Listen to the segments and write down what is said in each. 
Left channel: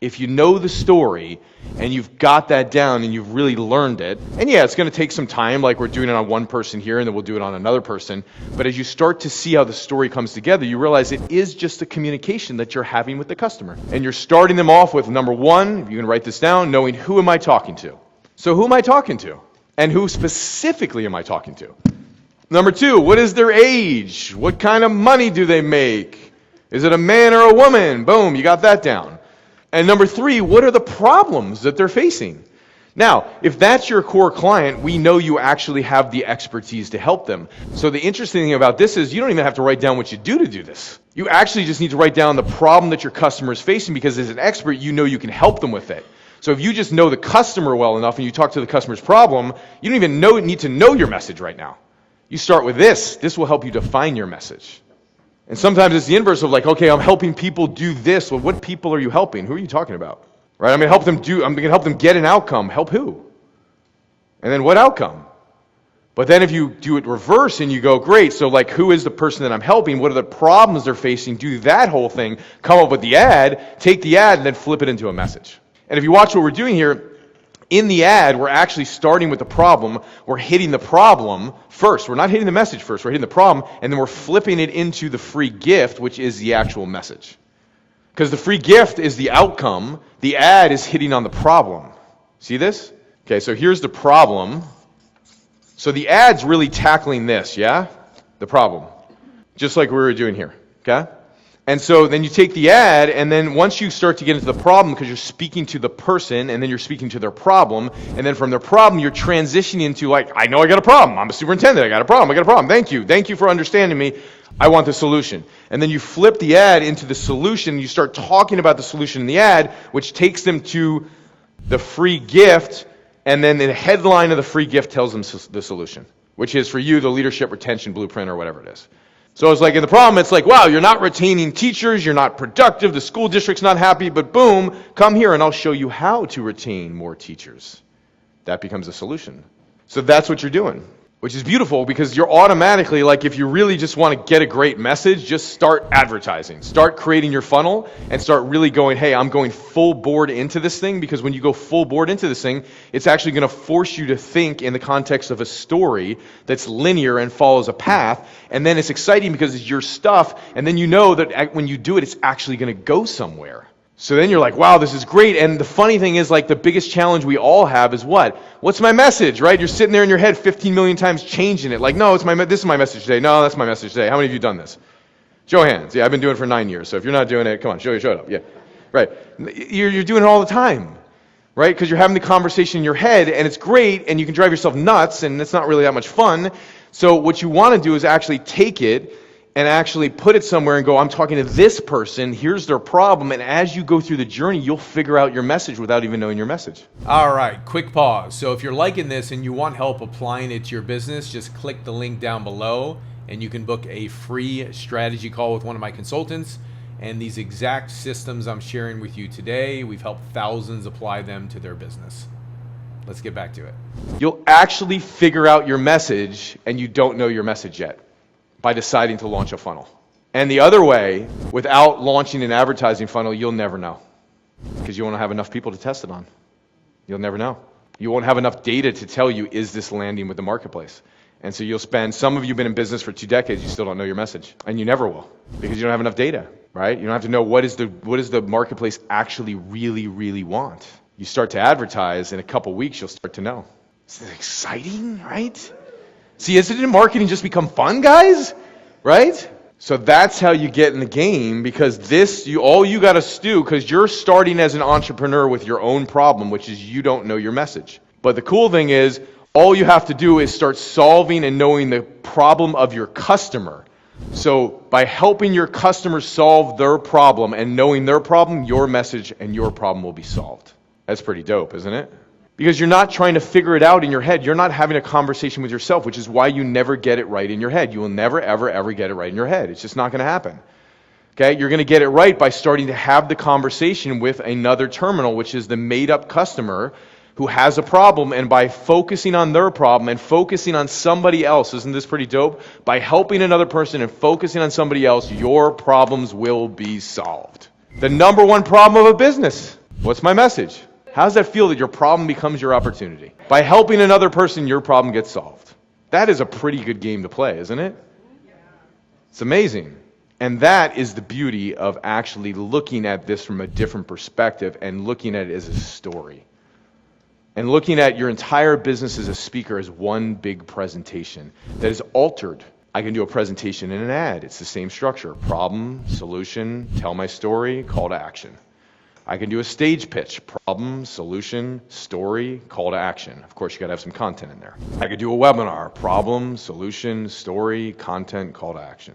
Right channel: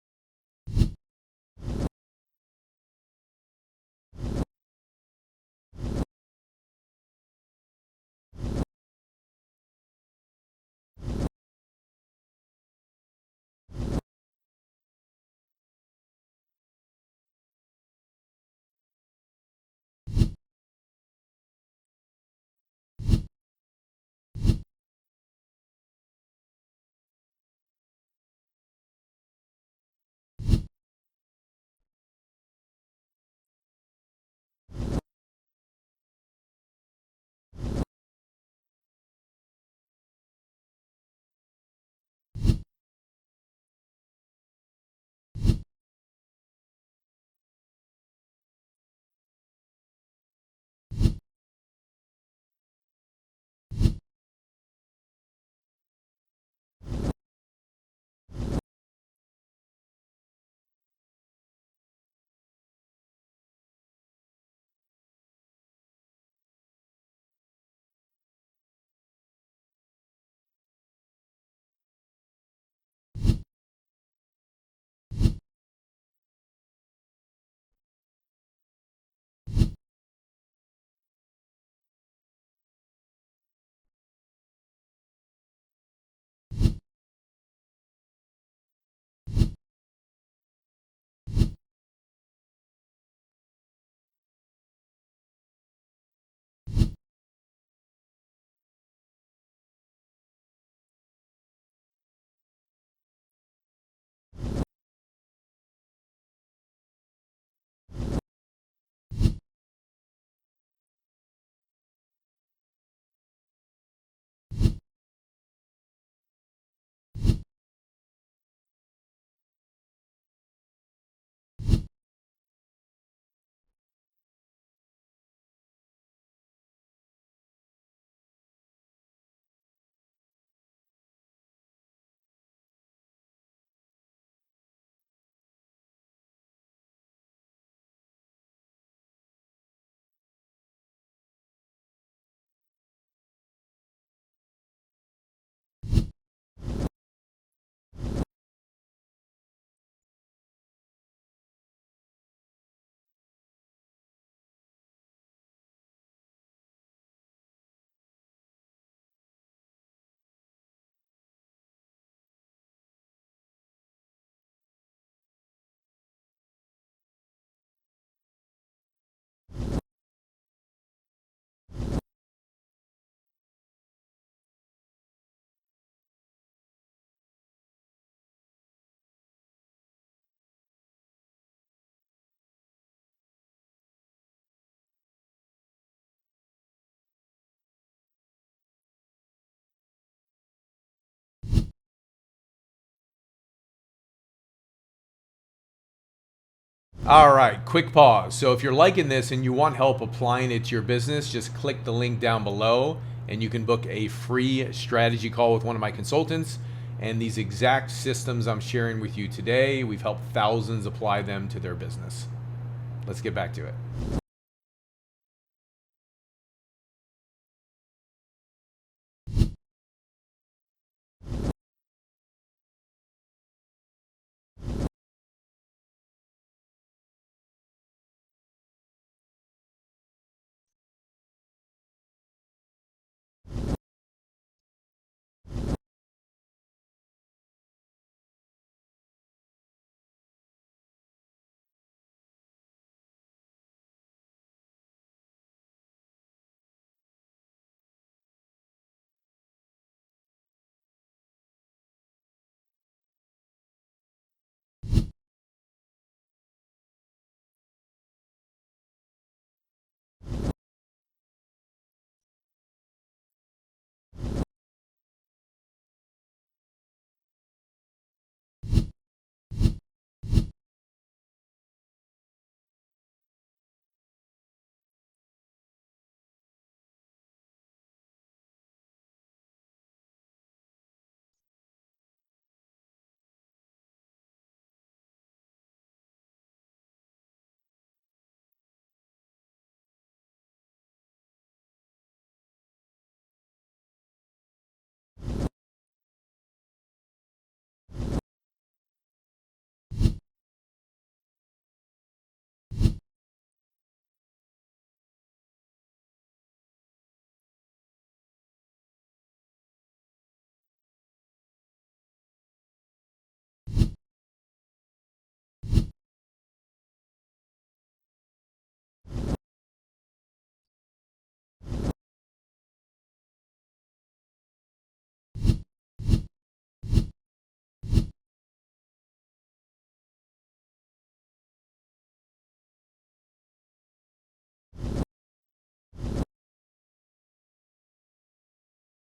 If you know the story and you've got that down and you've really learned it, and yeah, it's going to take some time, like we're doing it on one person here and then we'll do it on another person, but as you start to see how the story comes together, you realize it is just a communication that you're having with the customer. And you're starting them off with, number one, if you can write this down, knowing who am I talking to? So who am I talking to? And who specifically am I talking to? Number two, what is their age? What kind of money do they make? Is it a man or a woman? Boom, you got that down. And number three, what are the problems that they're facing? Now, if that's your core client, we know you actually have the expertise to help them. So the interesting thing about this is you don't even have to write down what you do to do this. You actually just need to write down the problem that your customer is facing, because as an expert, you know you can help them with it. So if you just know the customer well enough and you talk to the customer's problem, you don't even need to know your message right now. You start with this. This will help you define your message. And sometimes it's the inverse of like, okay, I'm helping people do this. Well, what people are you helping? Who are you talking about? Right? I'm going to help them get an outcome. Help who? And then what outcome? But then if you do it reverse and you go, great, so like who is the person that I'm helping? What are the problems they're facing? Do that whole thing, come up with the ad, take the ad, and then flip it into a message. And if you watch what we're doing here, in the ad, we're actually starting with the problem. We're hitting the problem first. We're not hitting the message first. We're hitting the problem, and then we're flipping it into the free gift, which is the actual message. Because the free gift is the outcome. The ad is hitting on the problem. See this? Okay, so here's the problem. So the ad's really tackling this, yeah? The problem. Just like we were doing here, okay? And so then you take the ad, and then once you start to get into the problem, because you're speaking to the person, and then you're speaking to their problem, and then from their problem, you're transitioning into like, I know I got a problem. I'm a superintendent. I got a problem. Thank you. Thank you for understanding me. I want the solution. And then you flip the ad into the solution. You start talking about the solution in the ad, which takes them to the free gift, and then the headline of the free gift tells them the solution, which is for you the leadership retention blueprint or whatever it is. So it's like in the problem, it's like, wow, you're not retaining teachers, you're not productive, the school district's not happy, but boom, come here and I'll show you how to retain more teachers. That becomes a solution. So that's what you're doing, which is beautiful because you're automatically, like if you really just want to get a great message, just start advertising. Start creating your funnel and start really going, hey, I'm going full board into this thing, because when you go full board into this thing, it's actually going to force you to think in the context of a story that's linear and follows a path. And then it's exciting because it's your stuff, and then you know that when you do it, it's actually going to go somewhere. So then you're like, wow, this is great. And the funny thing is, like, the biggest challenge we all have is what? What's my message, right? You're sitting there in your head 15 million times changing it. Like, no, this is my message today. No, that's my message today. How many of you done this? Show of hands. Yeah, I've been doing it for 9 years. So if you're not doing it, come on, show it up. Yeah, right. You're doing it all the time, right? Because you're having the conversation in your head, and it's great, and you can drive yourself nuts, and it's not really that much fun. So what you want to do is actually take it and actually put it somewhere and go, I'm talking to this person, here's their problem, and as you go through the journey, you'll figure out your message without even knowing your message. All right, quick pause. So if you're liking this and you want help applying it to your business, just click the link down below and you can book a free strategy call with one of my consultants. And these exact systems I'm sharing with you today, we've helped thousands apply them to their business. Let's get back to it. You'll actually figure out your message, and you don't know your message yet, by deciding to launch a funnel. And the other way, without launching an advertising funnel, you'll never know, because you won't have enough people to test it on. You'll never know. You won't have enough data to tell you, is this landing with the marketplace? And so some of you have been in business for 2 decades, you still don't know your message. And you never will, because you don't have enough data, right? You don't have to know what does the marketplace actually really, really want. You start to advertise, in a couple weeks, you'll start to know. Isn't it exciting, right? See, isn't marketing just become fun, guys? Right? So that's how you get in the game, because all you got to do, because you're starting as an entrepreneur with your own problem, which is you don't know your message. But the cool thing is, all you have to do is start solving and knowing the problem of your customer. So by helping your customer solve their problem and knowing their problem, your message and your problem will be solved. That's pretty dope, isn't it? Because you're not trying to figure it out in your head. You're not having a conversation with yourself, which is why you never get it right in your head. You will never, ever, ever get it right in your head. It's just not going to happen. Okay? You're going to get it right by starting to have the conversation with another terminal, which is the made-up customer who has a problem, and by focusing on their problem and focusing on somebody else, isn't this pretty dope? By helping another person and focusing on somebody else, your problems will be solved. The number one problem of a business. What's my message? How does that feel that your problem becomes your opportunity? By helping another person, your problem gets solved. That is a pretty good game to play, isn't it? It's amazing. And that is the beauty of actually looking at this from a different perspective and looking at it as a story. And looking at your entire business as a speaker as one big presentation that is altered. I can do a presentation in an ad. It's the same structure. Problem, solution, tell my story, call to action. I can do a stage pitch. Problem, solution, story, call to action. Of course, you got to have some content in there. I could do a webinar. Problem, solution, story, content, call to action.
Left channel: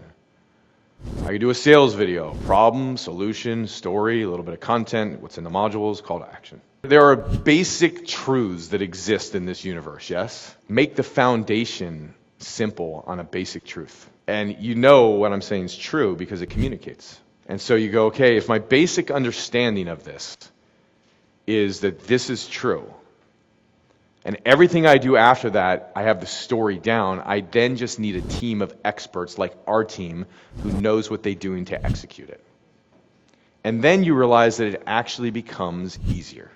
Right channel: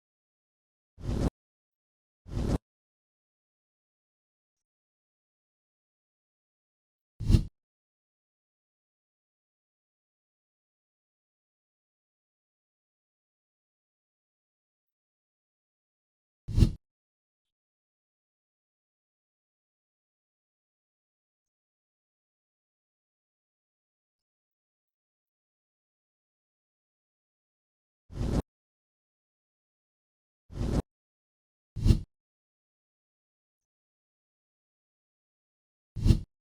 I could do a sales video. Problem, solution, story, a little bit of content, what's in the modules, call to action. There are basic truths that exist in this universe, yes? Make the foundation simple on a basic truth. And you know what I'm saying is true because it communicates. And so you go, okay, if my basic understanding of this is that this is true, and everything I do after that, I have the story down, I then just need a team of experts like our team who knows what they're doing to execute it. And then you realize that it actually becomes easier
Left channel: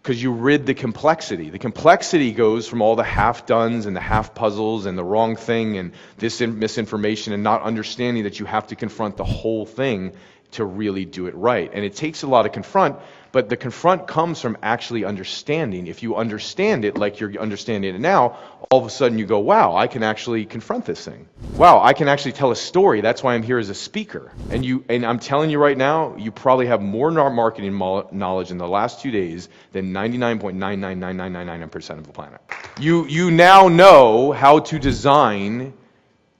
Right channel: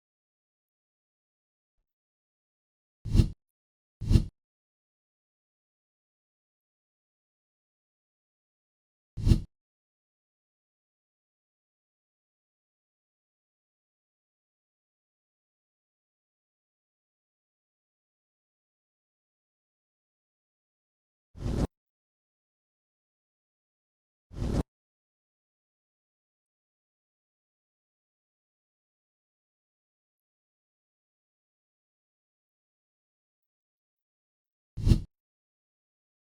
because you rid the complexity. The complexity goes from all the half-dones and the half-puzzles and the wrong thing and this misinformation and not understanding that you have to confront the whole thing to really do it right. And it takes a lot of confront, but the confront comes from actually understanding. If you understand it like you're understanding it now, all of a sudden you go, wow, I can actually confront this thing. Wow, I can actually tell a story. That's why I'm here as a speaker. And I'm telling you right now, you probably have more marketing knowledge in the last 2 days than 99.99999% of the planet. You now know how to design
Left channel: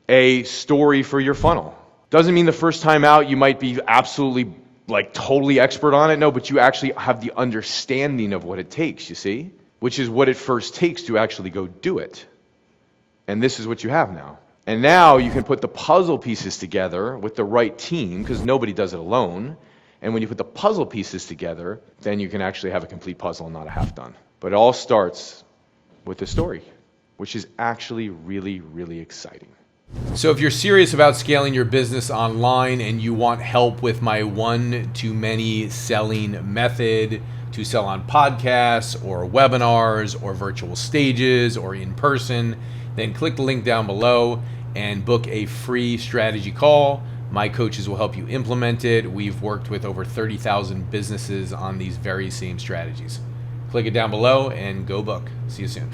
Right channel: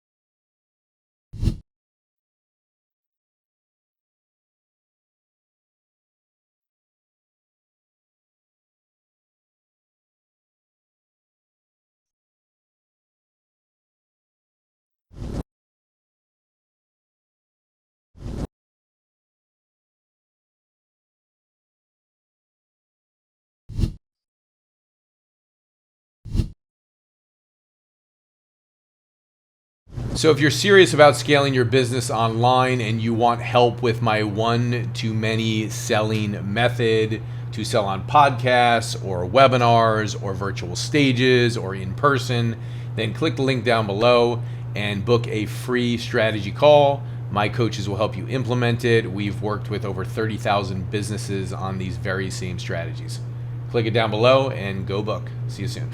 a story for your funnel. Doesn't mean the first time out you might be absolutely like totally expert on it. No, but you actually have the understanding of what it takes, you see? Which is what it first takes to actually go do it. And this is what you have now. And now you can put the puzzle pieces together with the right team because nobody does it alone. And when you put the puzzle pieces together, then you can actually have a complete puzzle and not a half done. But it all starts with the story, which is actually really, really exciting. So if you're serious about scaling your business online and you want help with my one-to-many selling method to sell on podcasts or webinars or virtual stages or in person, then click the link down below and book a free strategy call. My coaches will help you implement it. We've worked with over 30,000 businesses on these very same strategies. Click it down below and go book. See you soon.